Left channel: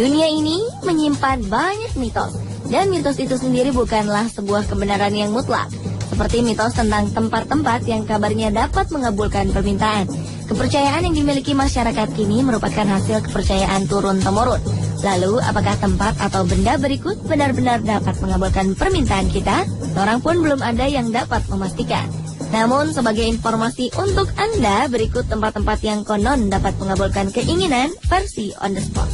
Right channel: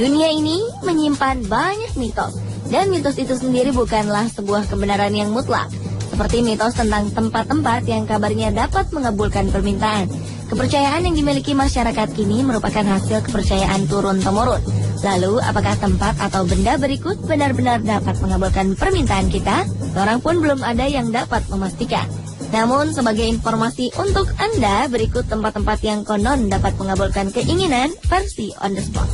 Dunia ini menyimpan banyak mitos, dan mitos itu sendiri bukanlah sebuah kebenaran yang mutlak. Seperti mitos tentang tempat-tempat yang kabarnya dapat mengabulkan permintaan. Kepercayaan yang dimiliki masyarakat kini merupakan hasil kepercayaan turun-temurun. Lalu, apakah tempat atau benda berikut benar-benar dapat mengabulkan permintaan kita? Seorang pun belum ada yang dapat memastikan. Namun, sebagai informasi untuk Anda, berikut tempat-tempat yang konon dapat mengabulkan keinginan versi on the spot.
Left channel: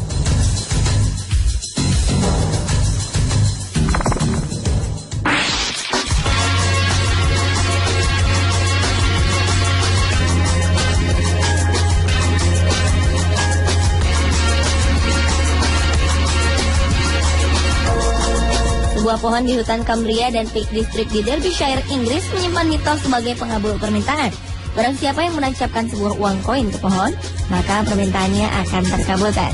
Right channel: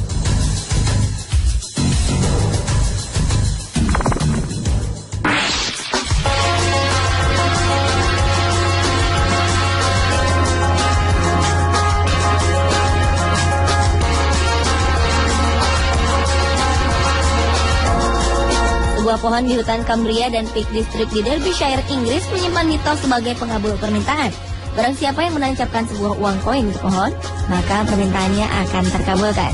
Sebuah pohon di hutan Cumbria dan Peak District di Derbyshire, Inggris menyimpan mitos sebagai pengabul permintaan. Barang siapa yang menancapkan sebuah uang koin ke pohon, maka permintaannya akan terkabulkan.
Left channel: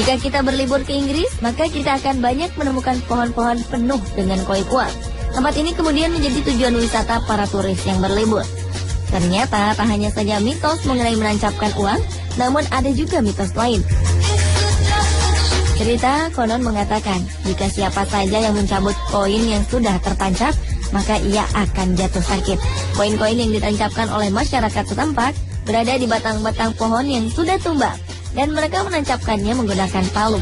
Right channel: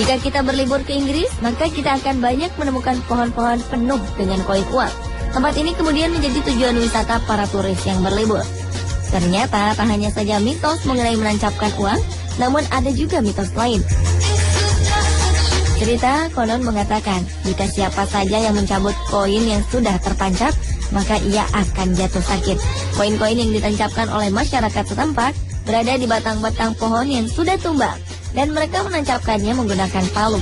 Jika kita berlibur ke Inggris, maka kita akan banyak menemukan pohon-pohon penuh dengan koin uang. Tempat ini kemudian menjadi tujuan wisata para turis yang berlibur. Ternyata tak hanya saja mitos mengenai menancapkan uang, namun ada juga mitos lain. Cerita konon mengatakan, jika siapa saja yang mencabut koin yang sudah tertancap, maka ia akan jatuh sakit. Koin-koin yang ditancapkan oleh masyarakat setempat berada di batang-batang pohon yang sudah tumbang, dan mereka menancapkannya menggunakan palu.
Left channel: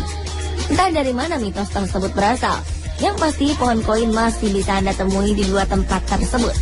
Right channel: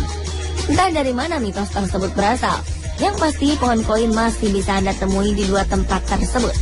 Entah dari mana mitos tersebut berasal, yang pasti pohon koin masih bisa Anda temui di dua tempat tersebut.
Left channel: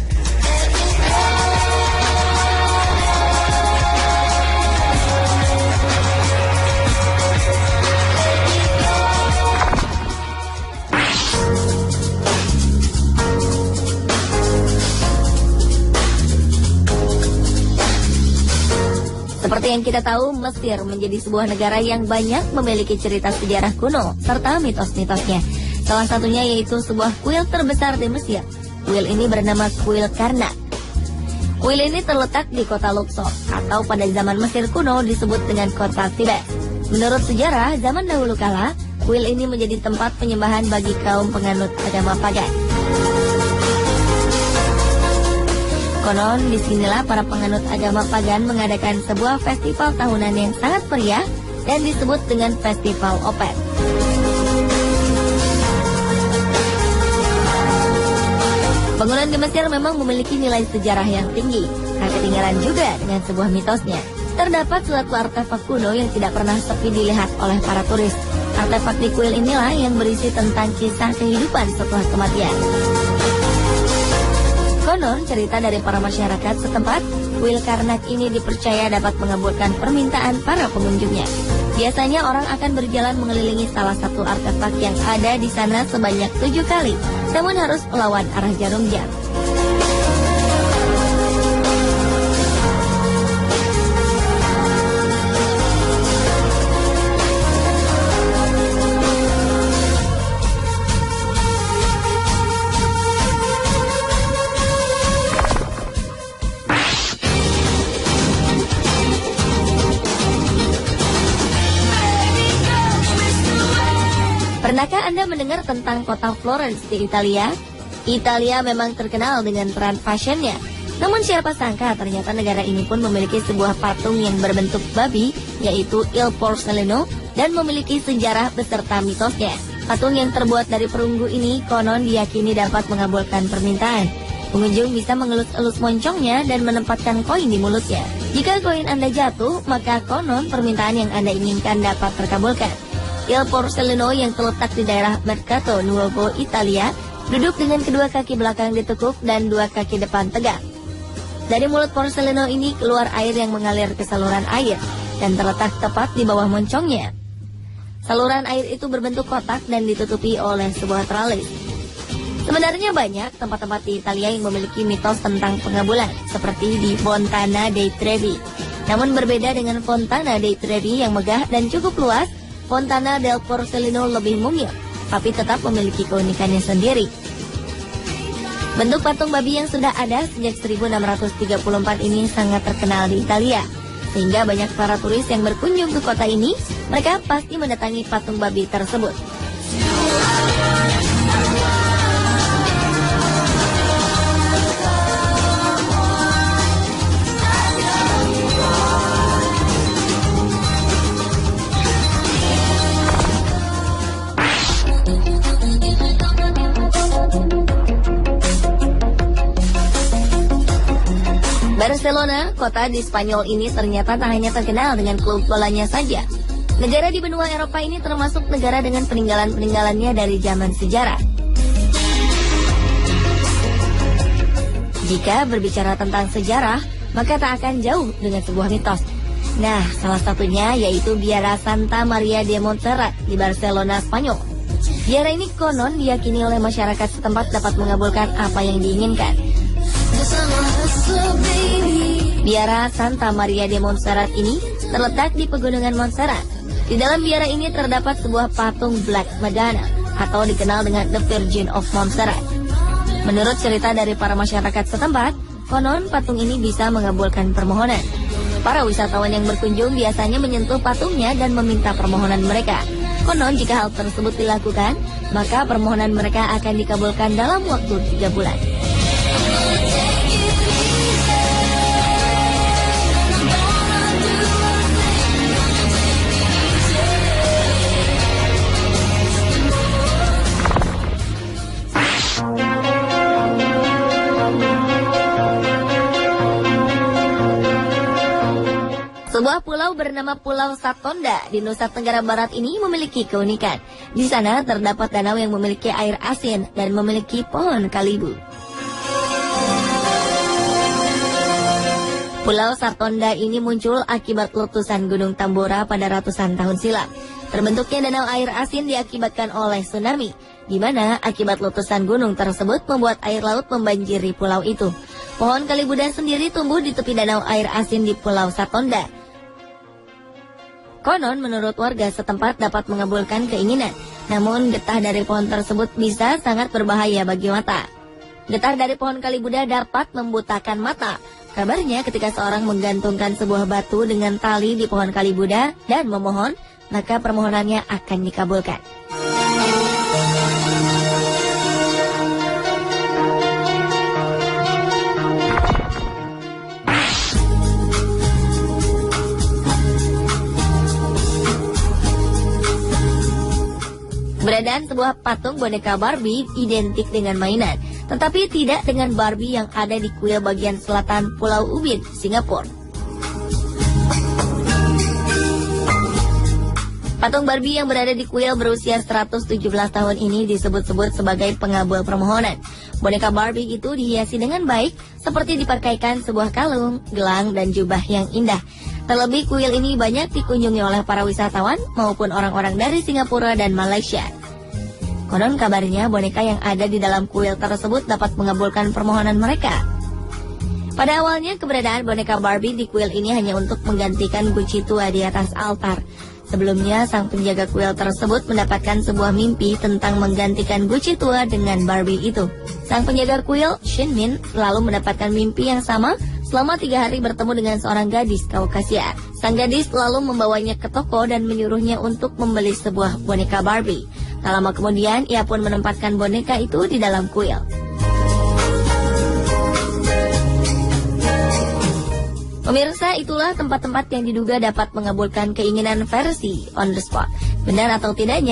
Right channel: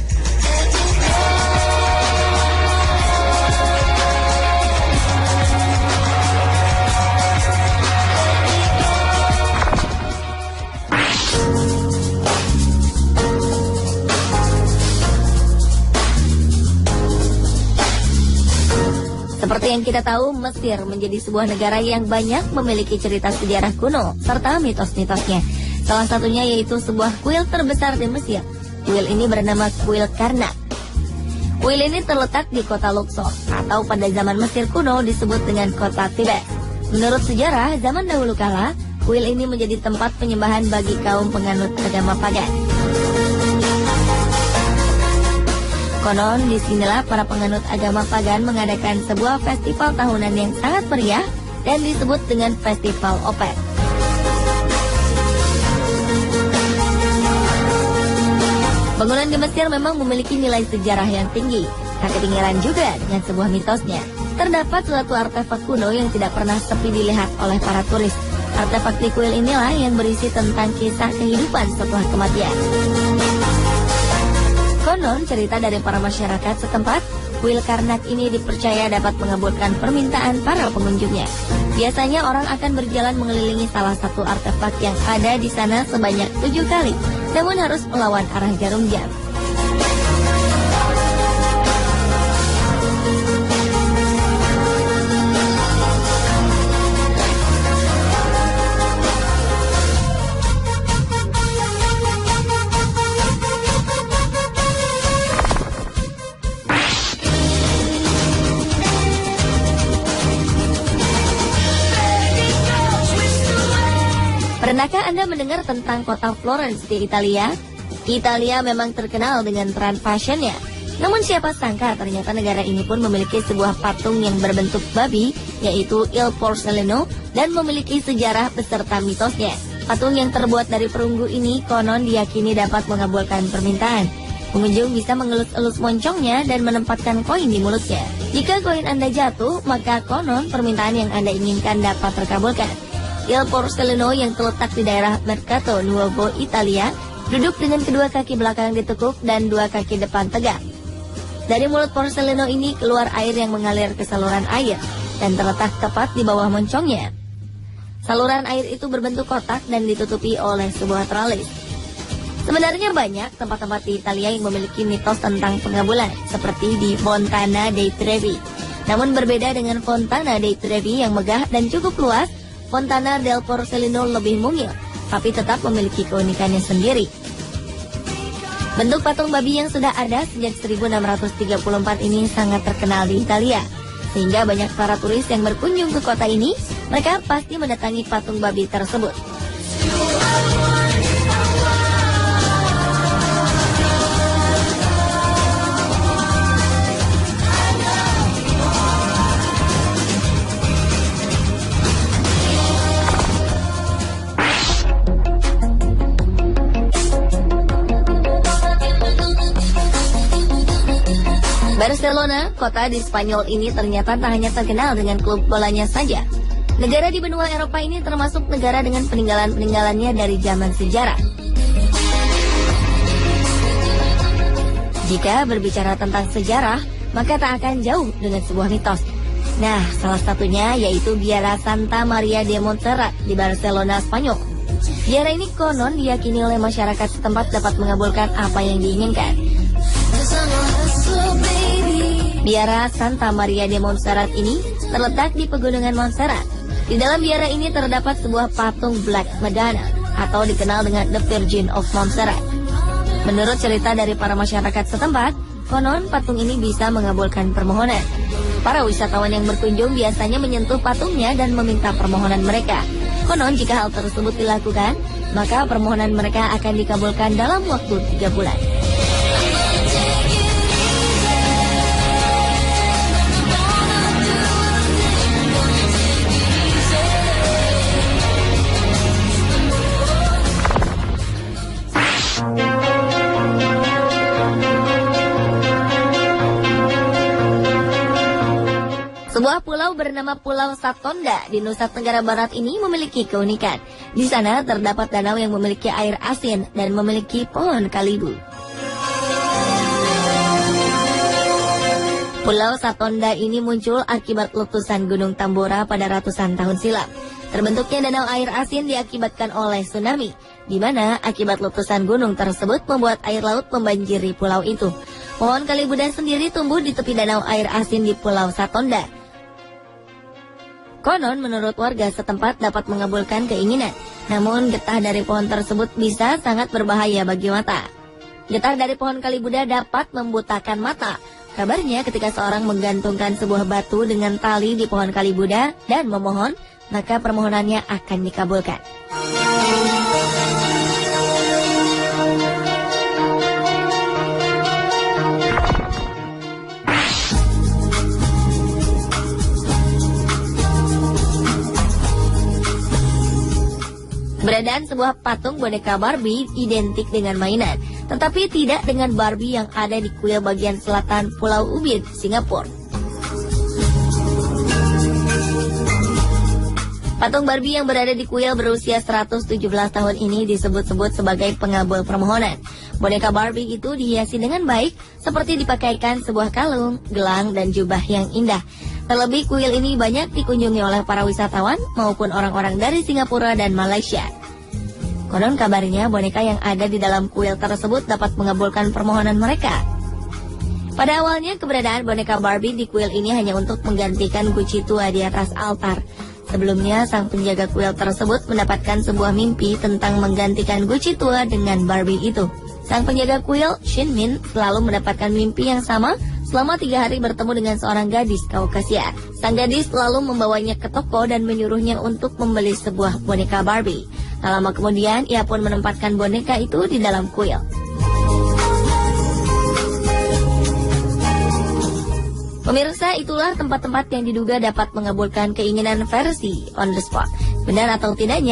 Seperti yang kita tahu, Mesir menjadi sebuah negara yang banyak memiliki cerita sejarah kuno serta mitos-mitosnya. Salah satunya yaitu sebuah kuil terbesar di Mesir. Kuil ini bernama Kuil Karnak. Kuil ini terletak di kota Luxor, atau pada zaman Mesir kuno disebut dengan kota Thebes. Menurut sejarah, zaman dahulu kala, kuil ini menjadi tempat penyembahan bagi kaum penganut agama pagan. Konon, disinilah para penganut agama pagan mengadakan sebuah festival tahunan yang sangat meriah dan disebut dengan Festival Opet. Bangunan di Mesir memang memiliki nilai sejarah yang tinggi, tak ketinggalan juga dengan sebuah mitosnya. Terdapat suatu artefak kuno yang tidak pernah sepi dilihat oleh para turis. Artefak di kuil inilah yang berisi tentang kisah kehidupan setelah kematian. Konon, cerita dari para masyarakat setempat, kuil Karnak ini dipercaya dapat mengabulkan permintaan para pengunjungnya. Biasanya orang akan berjalan mengelilingi salah satu artefak yang ada di sana sebanyak 7 kali, namun harus melawan arah jarum jam. Pernahkah Anda mendengar tentang kota Florence di Italia? Italia memang terkenal dengan tren fashionnya. Namun siapa sangka ternyata negara ini pun memiliki sebuah patung yang berbentuk babi, yaitu Il Porcellino, dan memiliki sejarah beserta mitosnya. Patung yang terbuat dari perunggu ini konon diyakini dapat mengabulkan permintaan. Pengunjung bisa mengelus-elus moncongnya dan menempatkan koin di mulutnya. Jika koin Anda jatuh, maka konon permintaan yang Anda inginkan dapat terkabulkan. Il Porcellino yang terletak di daerah Mercato Nuovo, Italia, duduk dengan kedua kaki belakang ditekuk dan dua kaki depan tegak. Dari mulut Porcellino ini keluar air yang mengalir ke saluran air dan terletak tepat di bawah moncongnya. Saluran air itu berbentuk kotak dan ditutupi oleh sebuah troli. Sebenarnya banyak tempat-tempat di Italia yang memiliki mitos tentang pengabulan, seperti di Fontana dei Trevi. Namun berbeda dengan Fontana dei Trevi yang megah dan cukup luas, Fontana del Porcellino lebih mungil, tapi tetap memiliki keunikannya sendiri. Bentuk patung babi yang sudah ada sejak 1634 ini sangat terkenal di Italia, sehingga banyak para turis yang berkunjung ke kota ini, mereka pasti mendatangi patung babi tersebut. Barcelona, kota di Spanyol ini ternyata tak hanya terkenal dengan klub bolanya saja. Negara di benua Eropa ini termasuk negara dengan peninggalan-peninggalannya dari zaman sejarah. Jika berbicara tentang sejarah, maka tak akan jauh dengan sebuah mitos. Nah, salah satunya yaitu Biara Santa Maria de Montserrat di Barcelona, Spanyol. Biara ini konon diyakini oleh masyarakat setempat dapat mengabulkan apa yang diinginkan. Biara Santa Maria de Montserrat ini terletak di pegunungan Montserrat. Di dalam biara ini terdapat sebuah patung Black Madonna atau dikenal dengan The Virgin of Montserrat. Menurut cerita dari para masyarakat setempat, konon patung ini bisa mengabulkan permohonan. Para wisatawan yang berkunjung biasanya menyentuh patungnya dan meminta permohonan mereka. Konon jika hal tersebut dilakukan, maka permohonan mereka akan dikabulkan dalam waktu 3 bulan. Sebuah pulau bernama Pulau Satonda di Nusa Tenggara Barat ini memiliki keunikan. Di sana terdapat danau yang memiliki air asin dan memiliki pohon kalibu. Pulau Satonda ini muncul akibat letusan Gunung Tambora pada ratusan tahun silam. Terbentuknya danau air asin diakibatkan oleh tsunami, di mana akibat letusan gunung tersebut membuat air laut membanjiri pulau itu. Pohon kalibuda sendiri tumbuh di tepi danau air asin di Pulau Satonda. Konon menurut warga setempat dapat mengabulkan keinginan, namun getah dari pohon tersebut bisa sangat berbahaya bagi mata. Getah dari pohon kalibuda dapat membutakan mata. Kabarnya ketika seorang menggantungkan sebuah batu dengan tali di pohon kalibuda dan memohon, maka permohonannya akan dikabulkan. Beredar sebuah patung boneka Barbie identik dengan mainan, tetapi tidak dengan Barbie yang ada di kuil bagian selatan Pulau Ubin, Singapura. Patung Barbie yang berada di kuil berusia 117 tahun ini disebut-sebut sebagai pengabul permohonan. Boneka Barbie itu dihiasi dengan baik, seperti dipakaikan sebuah kalung, gelang, dan jubah yang indah. Terlebih kuil ini banyak dikunjungi oleh para wisatawan maupun orang-orang dari Singapura dan Malaysia. Konon kabarnya boneka yang ada di dalam kuil tersebut dapat mengabulkan permohonan mereka. Pada awalnya keberadaan boneka Barbie di kuil ini hanya untuk menggantikan guci tua di atas altar. Sebelumnya sang penjaga kuil tersebut mendapatkan sebuah mimpi tentang menggantikan guci tua dengan Barbie itu. Sang penjaga kuil, Shin Min, selalu mendapatkan mimpi yang sama selama 3 hari bertemu dengan seorang gadis Kaukasia. Sang gadis selalu membawanya ke toko dan menyuruhnya untuk membeli sebuah boneka Barbie. Tak lama kemudian, ia pun menempatkan boneka itu di dalam kuil. Pemirsa, itulah tempat-tempat yang diduga dapat mengabulkan keinginan versi on the spot. Benar atau tidaknya?